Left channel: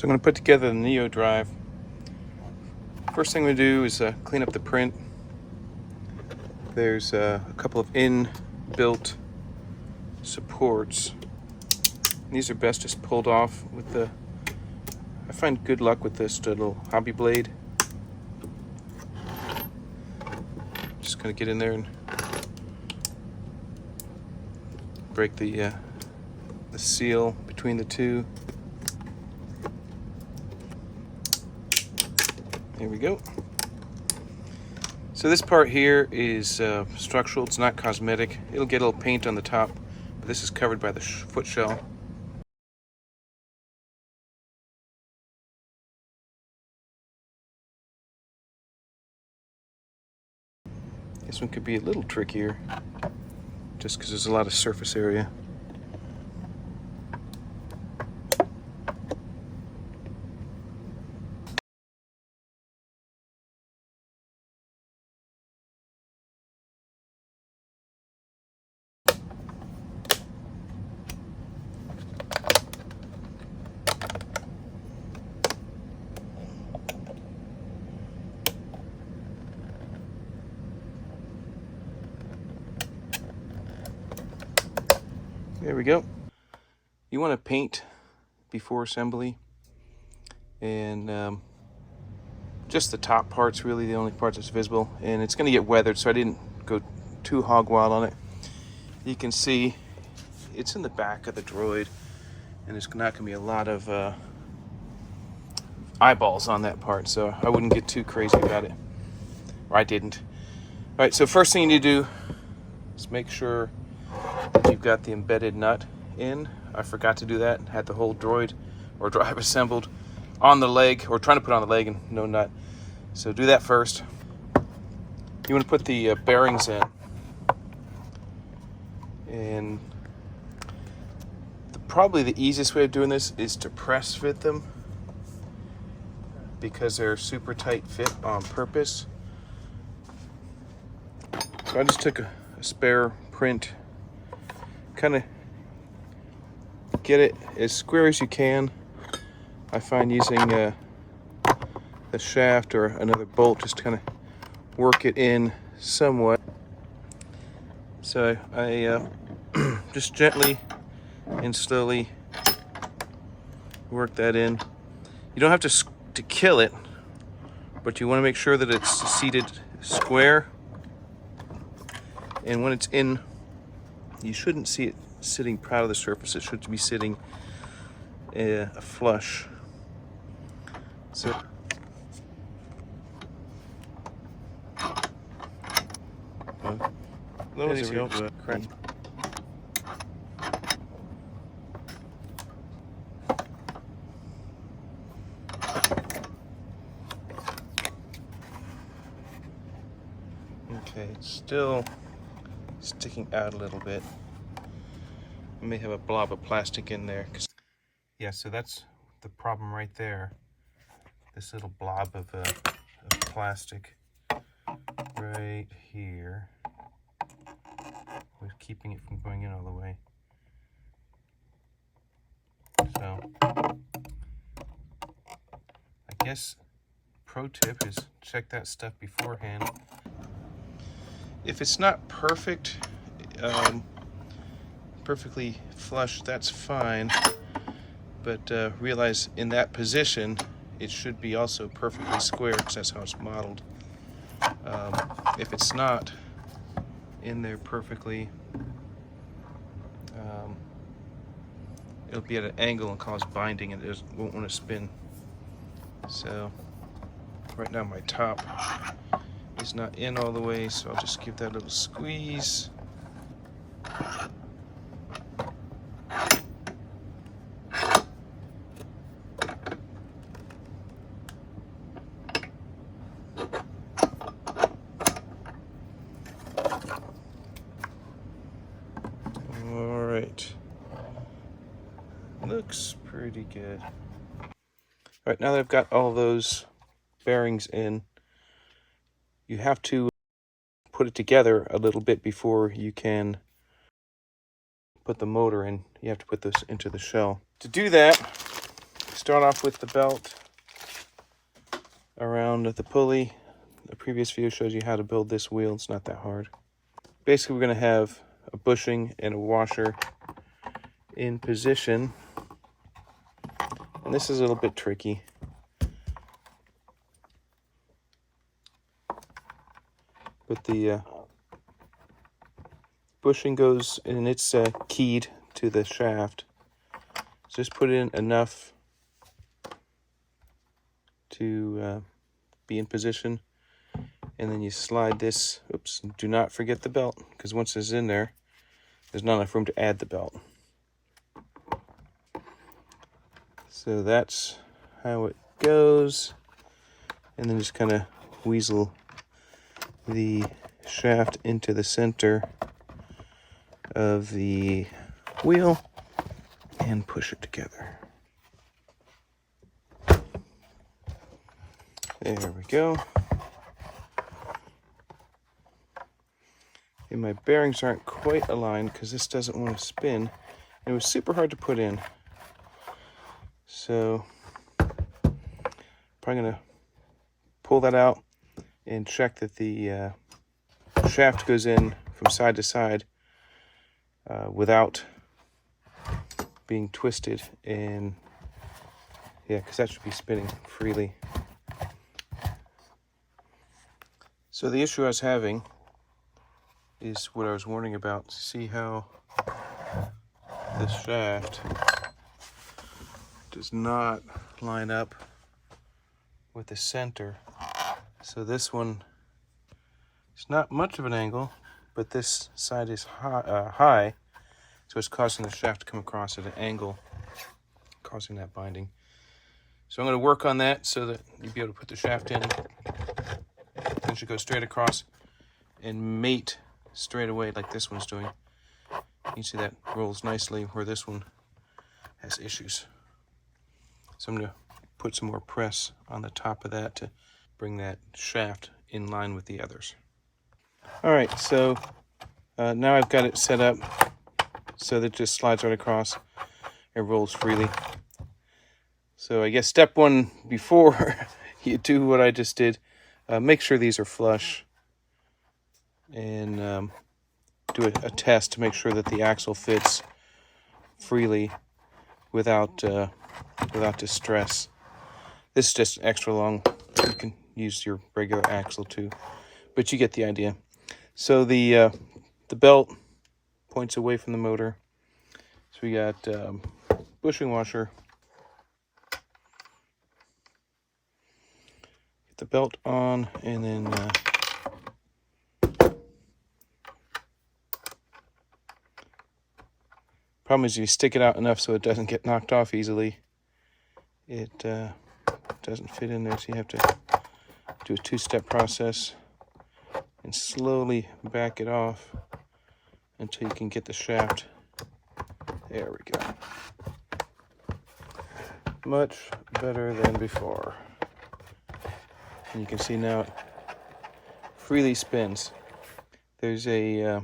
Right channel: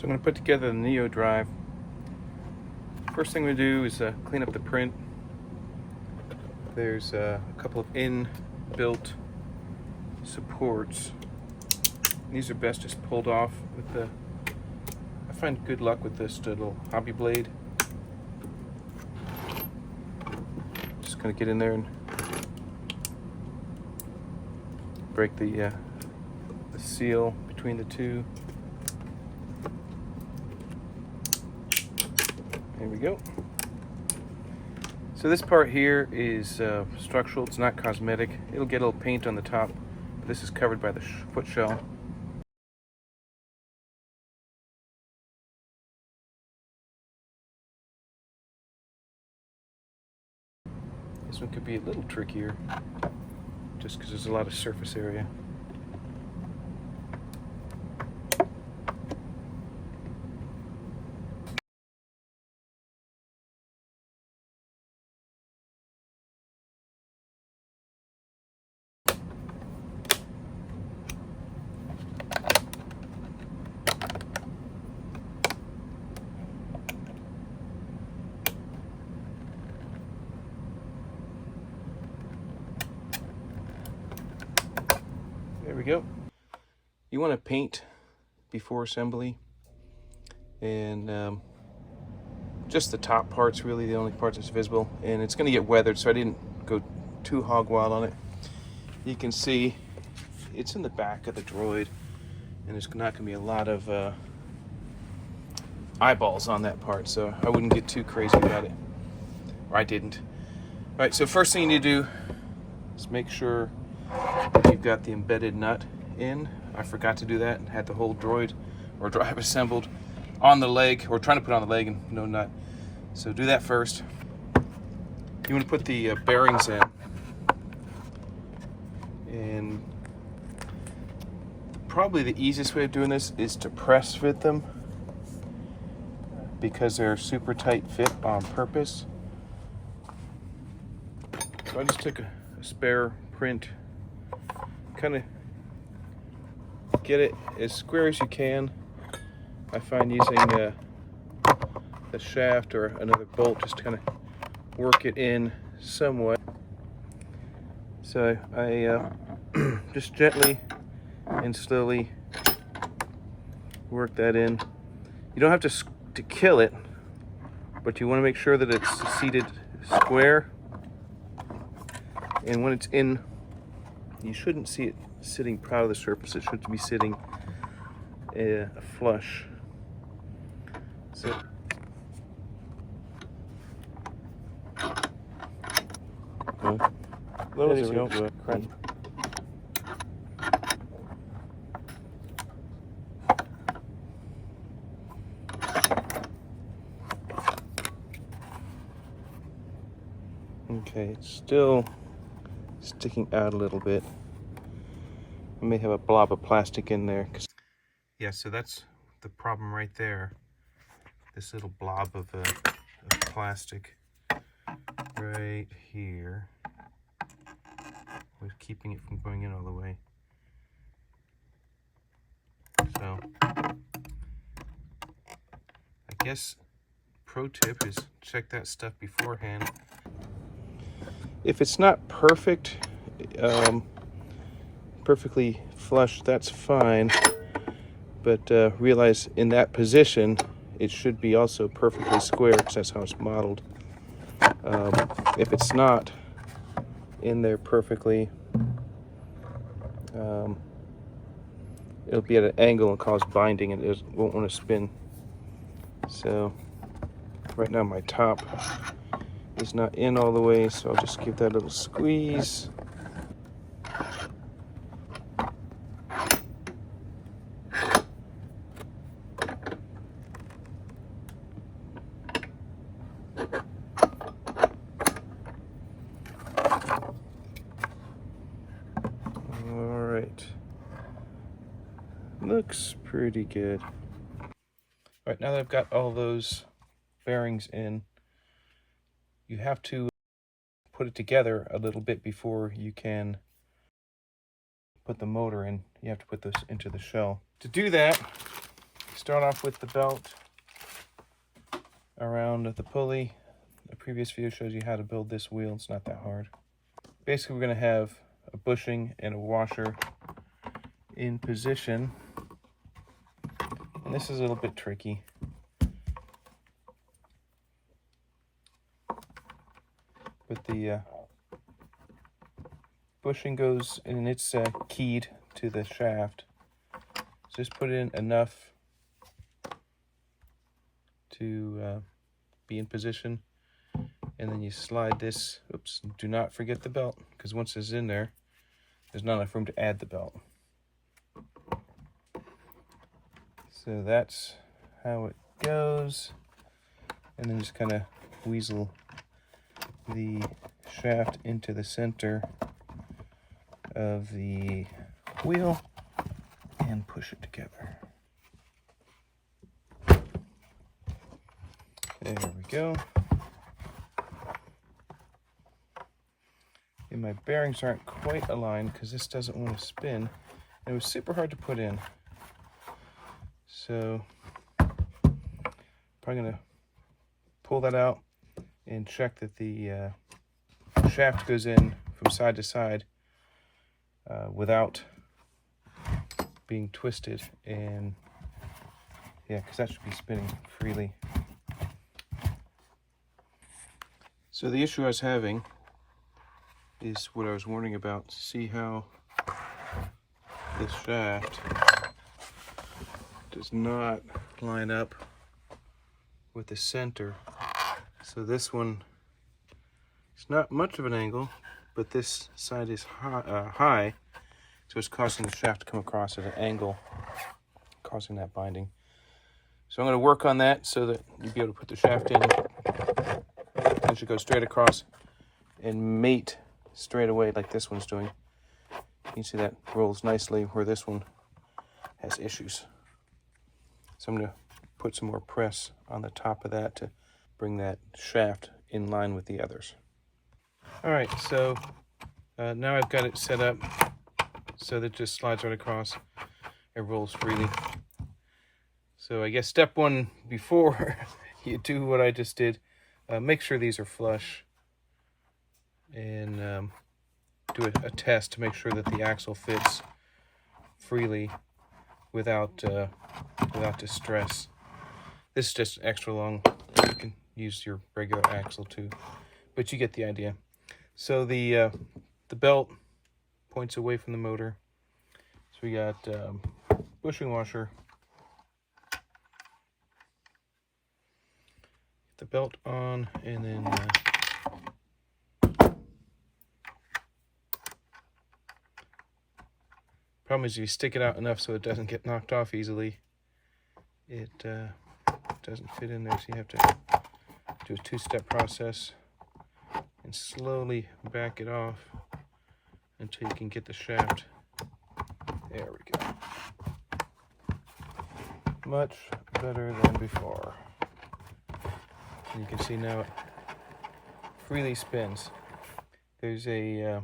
So I'm going to put together the NeoDrive. First thing we do is clean up the print. There's a couple of inbuilt supports. These are best just pulled off with the, I find good luck with this little hobby blade. Just gonna get in there and break the seal between the two. There we go. So this part here is structural, it's not cosmetic. It'll get a little paint on the top, but this is covered by the foot shell. This one could be a little trickier, just because there's a lot of surface area. There we go. You want to paint before assembly, and just the top part's really the only part that's visible, and it's going to get weathered, so I didn't go too hog wild on it. You can see it's in the back of the droid, and there's not going to be a lot of eyeballs on that part, so I wouldn't get too crazy about it, or I didn't. All right, so first thing you need to do is make sure that you've got the embedded nut in. I forgot to do that. Had the whole droid or drive assembled on the leg, or trying to put on the leg and no nut. So do that first. You want to put the bearings in, and probably the easiest way of doing this is to press fit them, because they're super tight fit on purpose. So I just took a spare print, kind of get it as square as you can. I find using the shaft or another bolt just to kind of work it in somewhat. So I just gently and slowly work that in. You don't have to kill it, but you want to make sure that it's seated square. And when it's in, you shouldn't see it sitting proud of the surface. It should be sitting flush. So there we go. Crap. Okay, it's still sticking out a little bit. I may have a blob of plastic in there. Yeah, so that's the problem right there. This little blob of plastic right here was keeping it from going in all the way. So I guess pro tip is check that stuff beforehand. If it's not perfect, perfectly flush, that's fine, but realize in that position it should be also perfectly square, because that's how it's modeled. If it's not in there perfectly, it'll be at an angle and cause binding, and it won't want to spin. So right now my top is not in all the way, so I'll just give that a little squeeze. All right, looks pretty good. All right, now that I've got all those bearings in, you have to put it together a little bit before you can put the motor in. You have to put this into the shell. To do that, start off with the belt around the pulley. The previous video shows you how to build this wheel. It's not that hard. Basically, we're going to have a bushing and a washer in position. And this is a little bit tricky. But the bushing goes, and it's keyed to the shaft. Just put in enough to be in position, and then you slide this. Oops, do not forget the belt, because once it's in there, there's not enough room to add the belt. So that's how it goes, and then just kind of weasel the shaft into the center of the wheel and push it together. There we go. And my bearings aren't quite aligned because this doesn't want to spin. It was super hard to put in. So probably gonna pull that out and check that the shaft goes in from side to side without being twisted, and yeah, because that should be spinning freely. So the issue I was having is what I was warning about. See how this shaft does not line up with the center. So this one, it's not much of an angle, but this side is high, so it's causing the shaft to come across at an angle, causing that binding. So I'm going to work on that so that you'll be able to put the shaft in. It should go straight across and mate straight away like this one's doing. You can see that rolls nicely where this one has issues. So I'm going to put some more press on the top of that to bring that shaft in line with the others. All right, so now I've got it set up so that it just slides right across. It rolls freely. So I guess step one before you do what I just did, make sure these are flush, and do a test to make sure that the axle fits freely without distress. This is just extra long. You can use your regular axle too, but you get the idea. So the belt points away from the motor. So we got bushing washer. Get the belt on, and then problem is you stick it out enough so it doesn't get knocked off easily. It doesn't fit in there, so you have to do a two-step process and slowly back it off until you can get the shaft. There we go. Much better than before. And you can see now it freely spins. There's a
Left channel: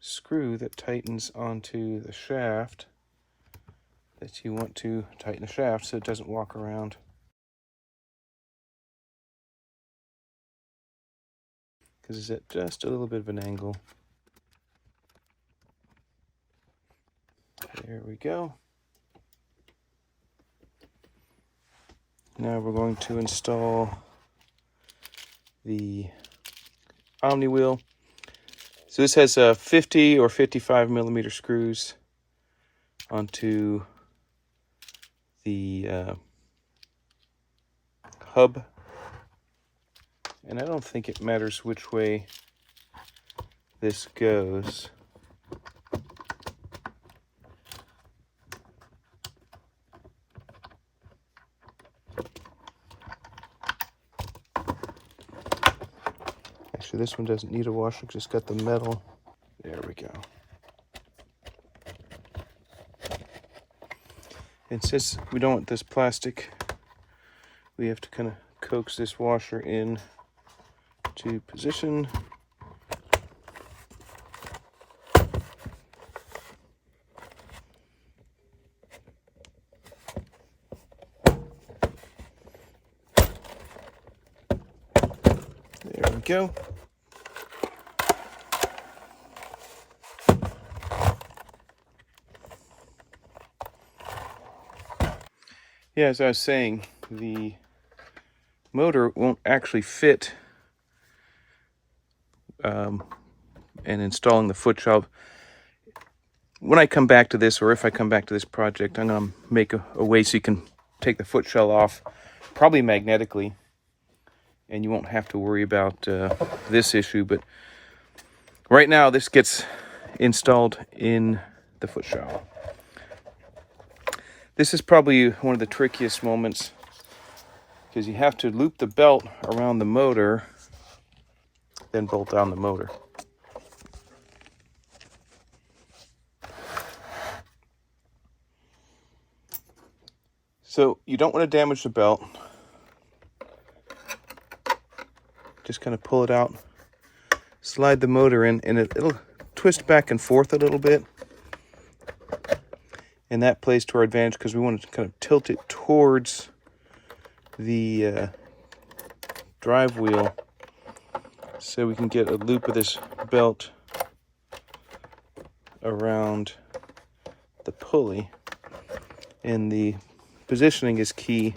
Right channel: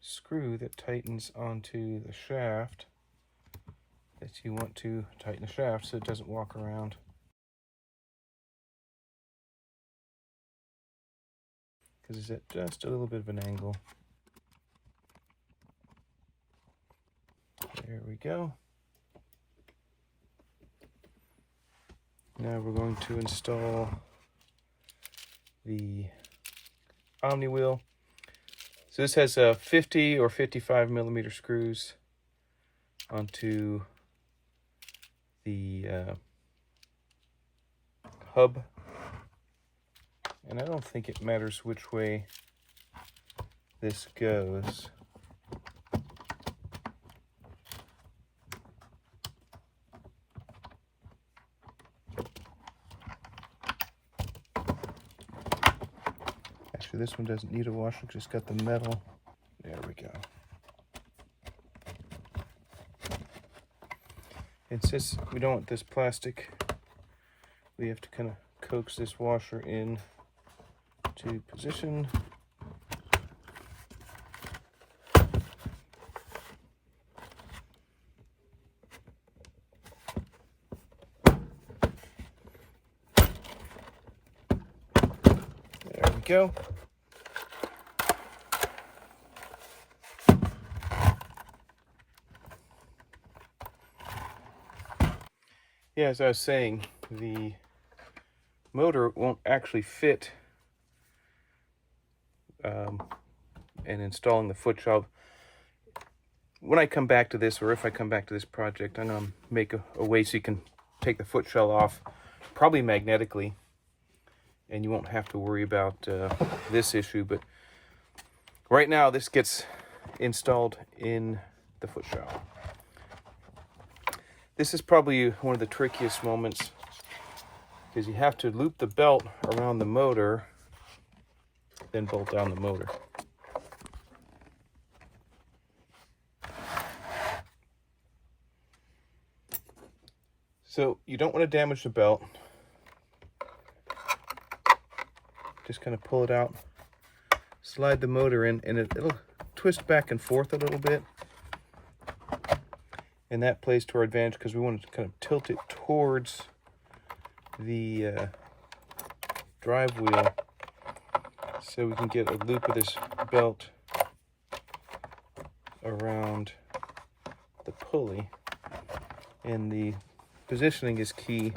screw that tightens onto the shaft that you want to tighten the shaft so it doesn't walk around. Because it's at just a little bit of an angle. There we go. Now we're going to install the Omni wheel. So this has 50 or 55 millimeter screws onto the hub. And I don't think it matters which way this goes. Actually, this one doesn't need a washer because it's got the metal. There we go. And since we don't want this plastic, we have to kind of coax this washer in to position. go. Yeah, as I was saying, the motor won't actually fit and installing the foot shell. When I come back to this, or if I come back to this project, I'm going to make a way so you can take the foot shell off, probably magnetically, and you won't have to worry about this issue. But right now, this gets installed in the foot shell. This is probably one of the trickiest moments because you have to loop the belt around the motor, then bolt down the motor. So you don't want to damage the belt. Just kind of pull it out, slide the motor in, and it'll twist back and forth a little bit. And that plays to our advantage because we want to kind of tilt it towards the drive wheel so we can get a loop of this belt around the pulley. And the positioning is key.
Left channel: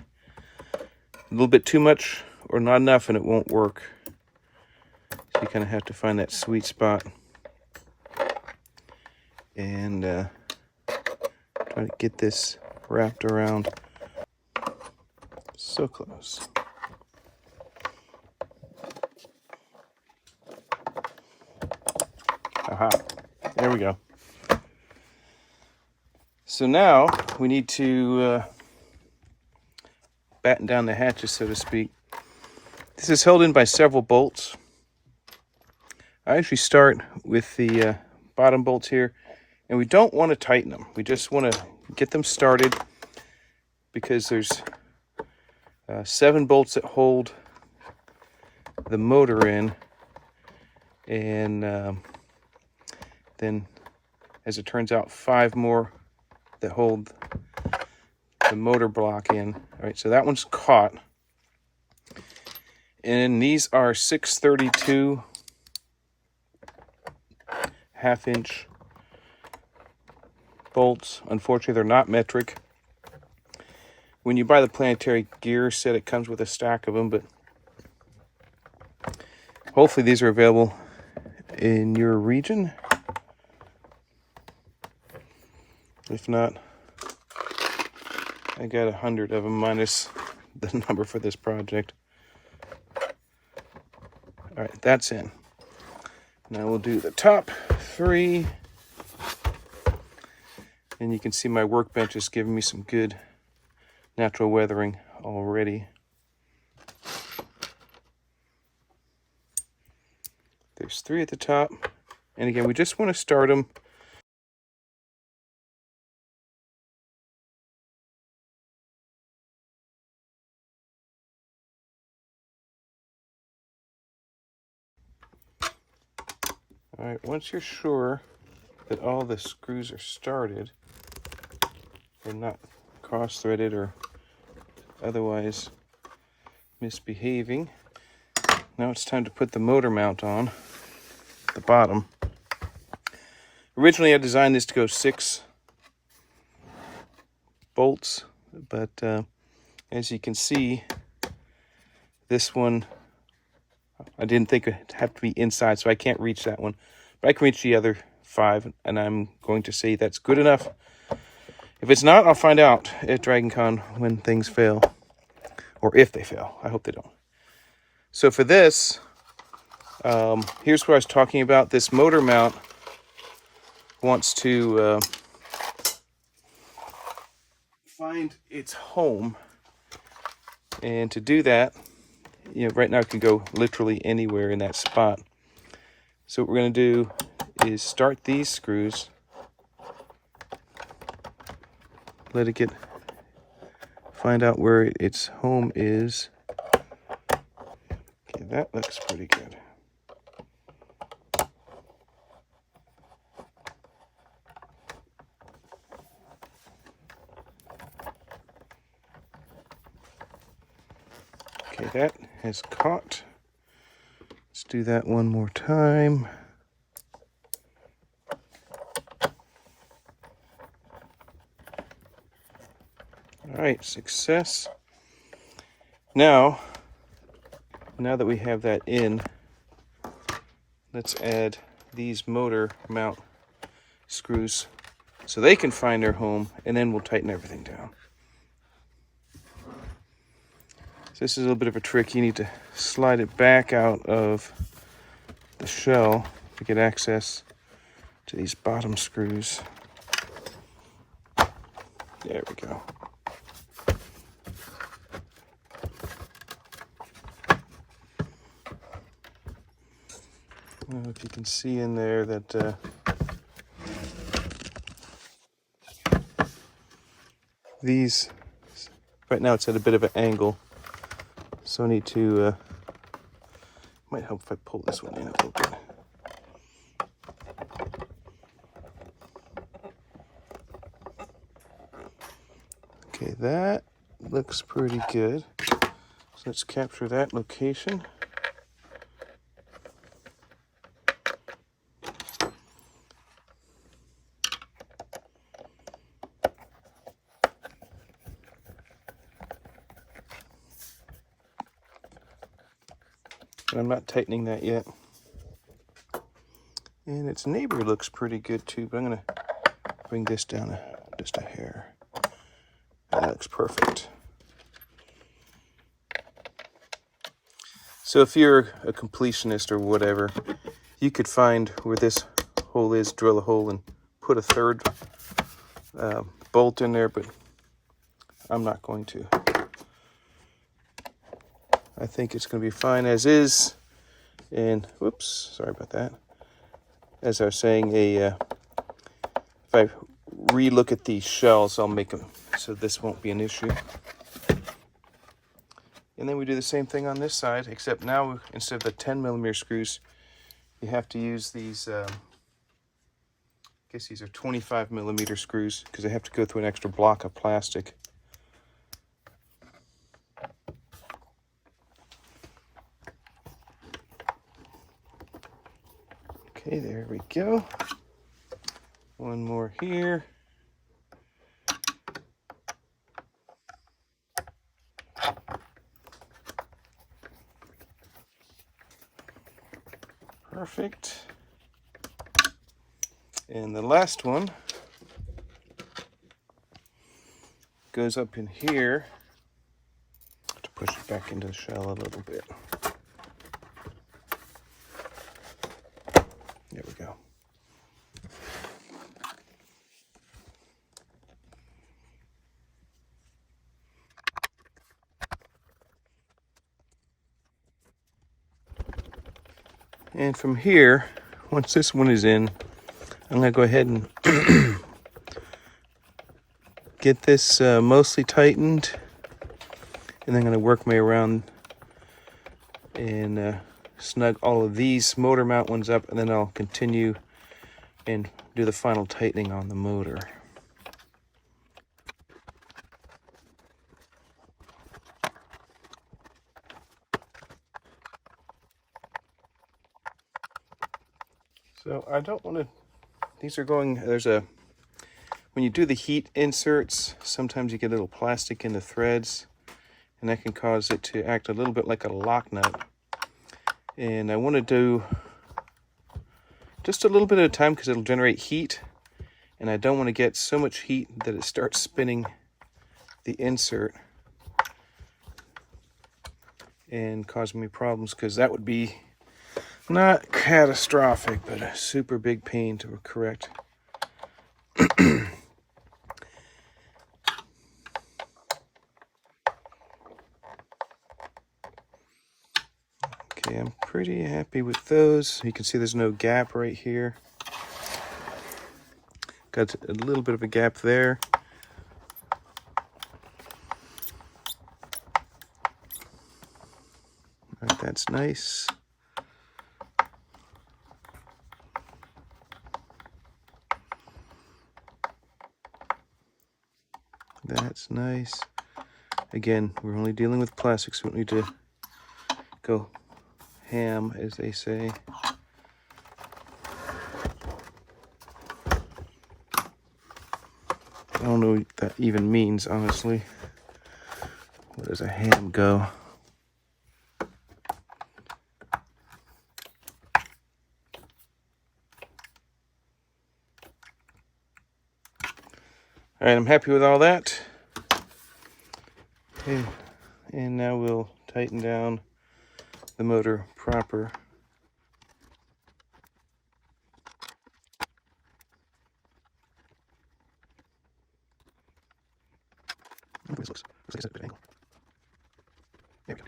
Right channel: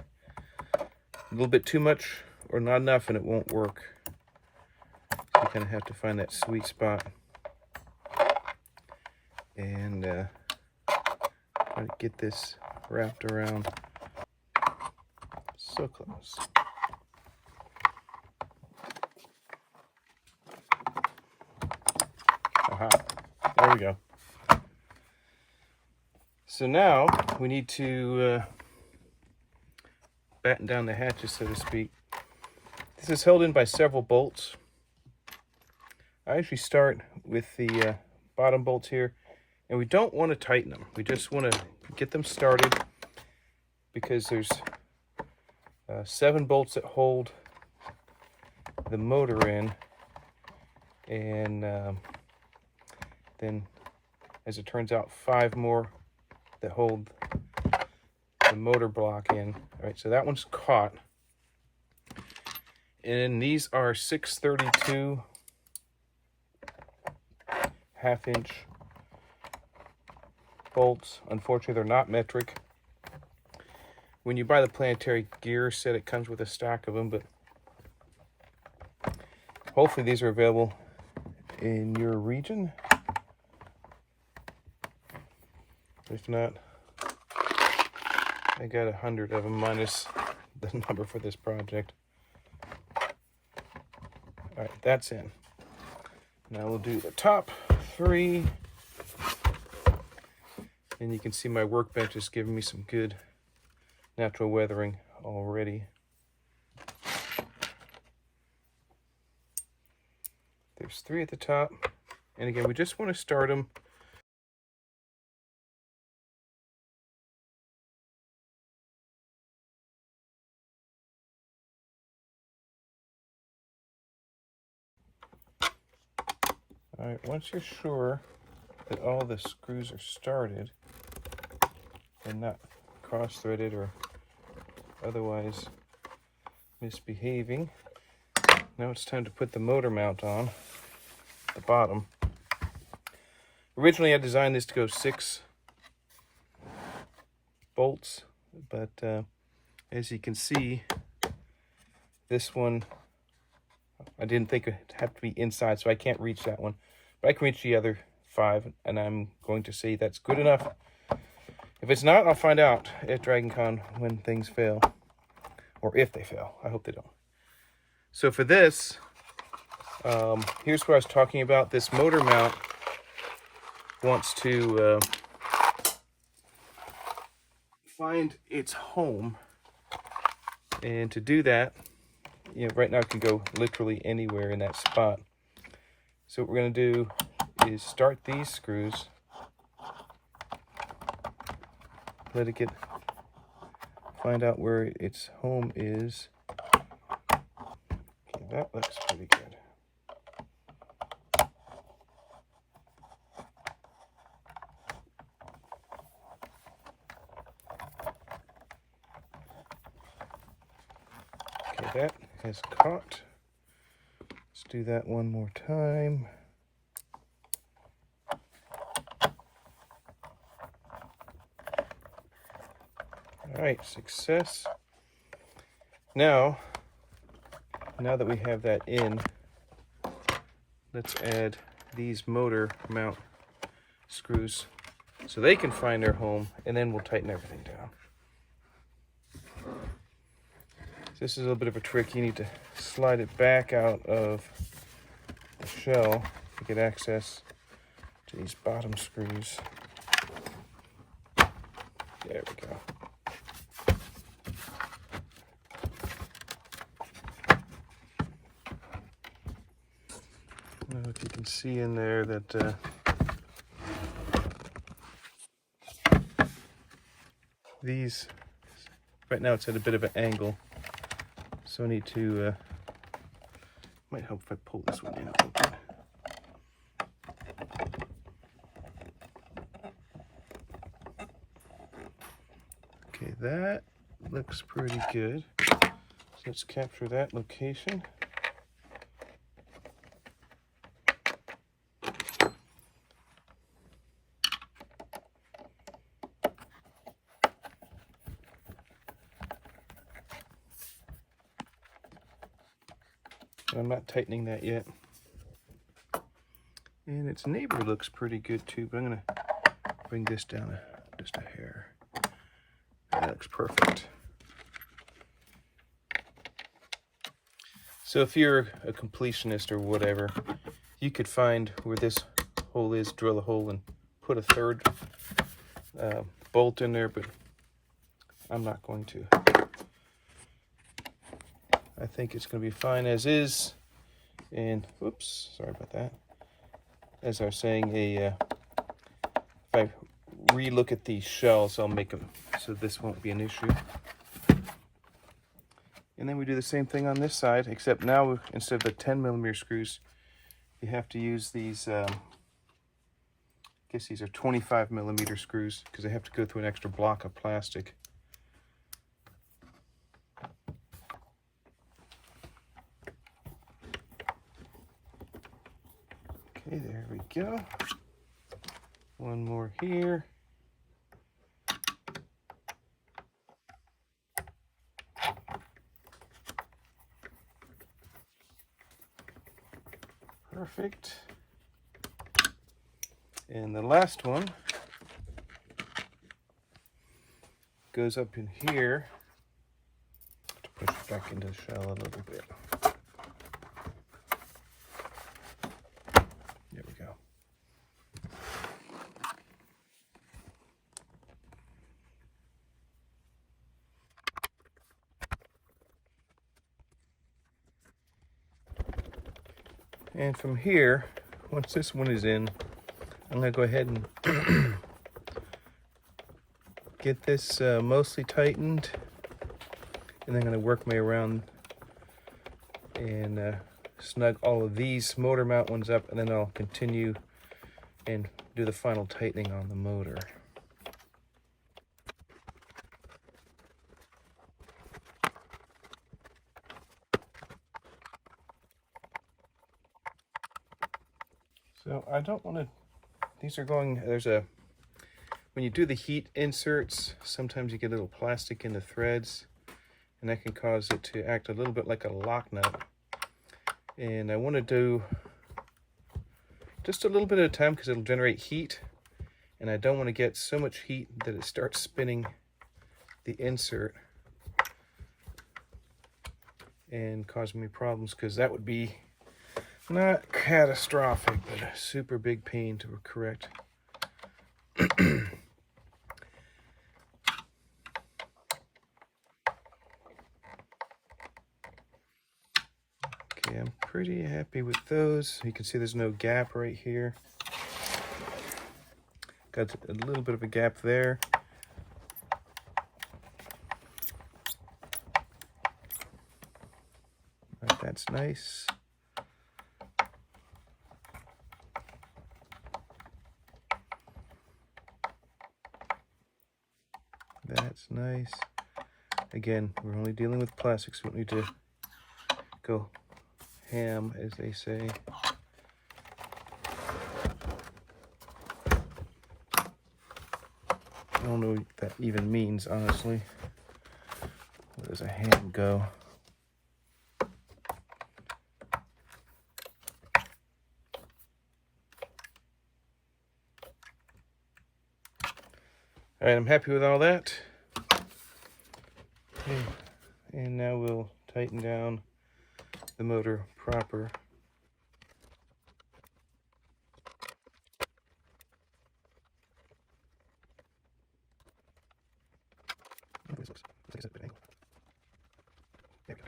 A little bit too much or not enough and it won't work. So you kind of have to find that sweet spot. And trying to get this wrapped around. So close. Aha, there we go. So now we need to batten down the hatches, so to speak. This is held in by several bolts. I actually start with the bottom bolts here, and we don't want to tighten them. We just want to get them started because there's 7 bolts that hold the motor in, and then, as it turns out, 5 more that hold the motor block in. All right, so that one's caught. And these are 632 1/2-inch bolts. Unfortunately, they're not metric. When you buy the planetary gear set, it comes with a stack of them, but hopefully these are available in your region. If not, I got 100 of them minus the number for this project. All right, that's in. Now we'll do the top 3. And you can see my workbench is giving me some good natural weathering already. There's 3 at the top. And again, we just want to start them. All right, once you're sure that all the screws are started and not cross-threaded or otherwise misbehaving, now it's time to put the motor mount on the bottom. Originally I designed this to go 6 bolts, but as you can see, this one I didn't think it had to be inside, so I can't reach that one. But I can reach the other 5, and I'm going to say that's good enough. If it's not, I'll find out at DragonCon when things fail. Or if they fail. I hope they don't. So for this, here's what I was talking about. This motor mount wants to find its home. And to do that, you know, right now it can go literally anywhere in that spot. So what we're going to do is start these screws, let it find out where its home is. Okay, that looks pretty good. Okay, that has caught. Let's do that one more time. All right, success. Now that we have that in, let's add these motor mount screws so they can find their home, and then we'll tighten everything down. So this is a little bit of a trick. You need to slide it back out of the shell to get access to these bottom screws. There we go. I don't know if you can see in there that these, right now it's at a bit of an angle, so I need to, might help if I pull this one in a little bit. Okay, that looks pretty good. So let's capture that location. I'm not tightening that yet. And its neighbor looks pretty good too, but I'm gonna bring this down just a hair. That looks perfect. So if you're a completionist or whatever, you could find where this hole is, drill a hole and put a third bolt in there, but I'm not going to. I think it's going to be fine as is. And whoops, sorry about that. As I was saying, if I re-look at these shells, I'll make them so this won't be an issue. And then we do the same thing on this side, except now instead of the 10mm screws, you have to use these, I guess these are 25mm screws because they have to go through an extra block of plastic. Okay, there we go. One more here. Perfect. And the last one goes up in here to push it back into the shell a little bit. There we go. And from here, once this one is in, I'm going to go ahead and get this mostly tightened, and then I'm going to work my way around and snug all of these motor mount ones up, and then I'll continue and do the final tightening on the motor. So I don't want to, these are going, when you do the heat inserts, sometimes you get a little plastic in the threads, and that can cause it to act a little bit like a lock nut. And I want to do just a little bit at a time because it'll generate heat, and I don't want to get so much heat that it starts spinning the insert and causing me problems, because that would be not catastrophic, but a super big pain to correct. Okay, I'm pretty happy with those. You can see there's no gap right here. Got a little bit of a gap there. All right, that's nice. That's nice. Again, we're only dealing with plastic, so we don't need to go ham, as they say. I don't know what that even means, honestly. Where does a ham go? All right, I'm happy with all that. Okay, and now we'll tighten down the motor proper. This looks like it's at a good angle. There we go.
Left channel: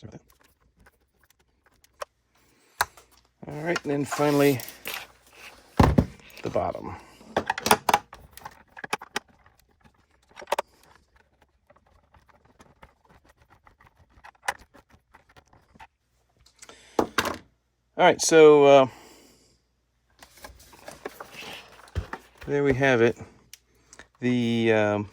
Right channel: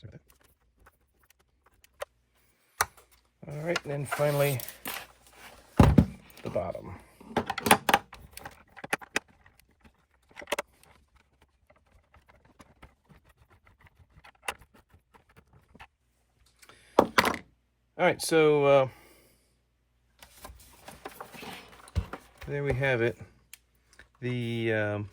Sorry about that. All right, and then finally the bottom. All right, so there we have it. The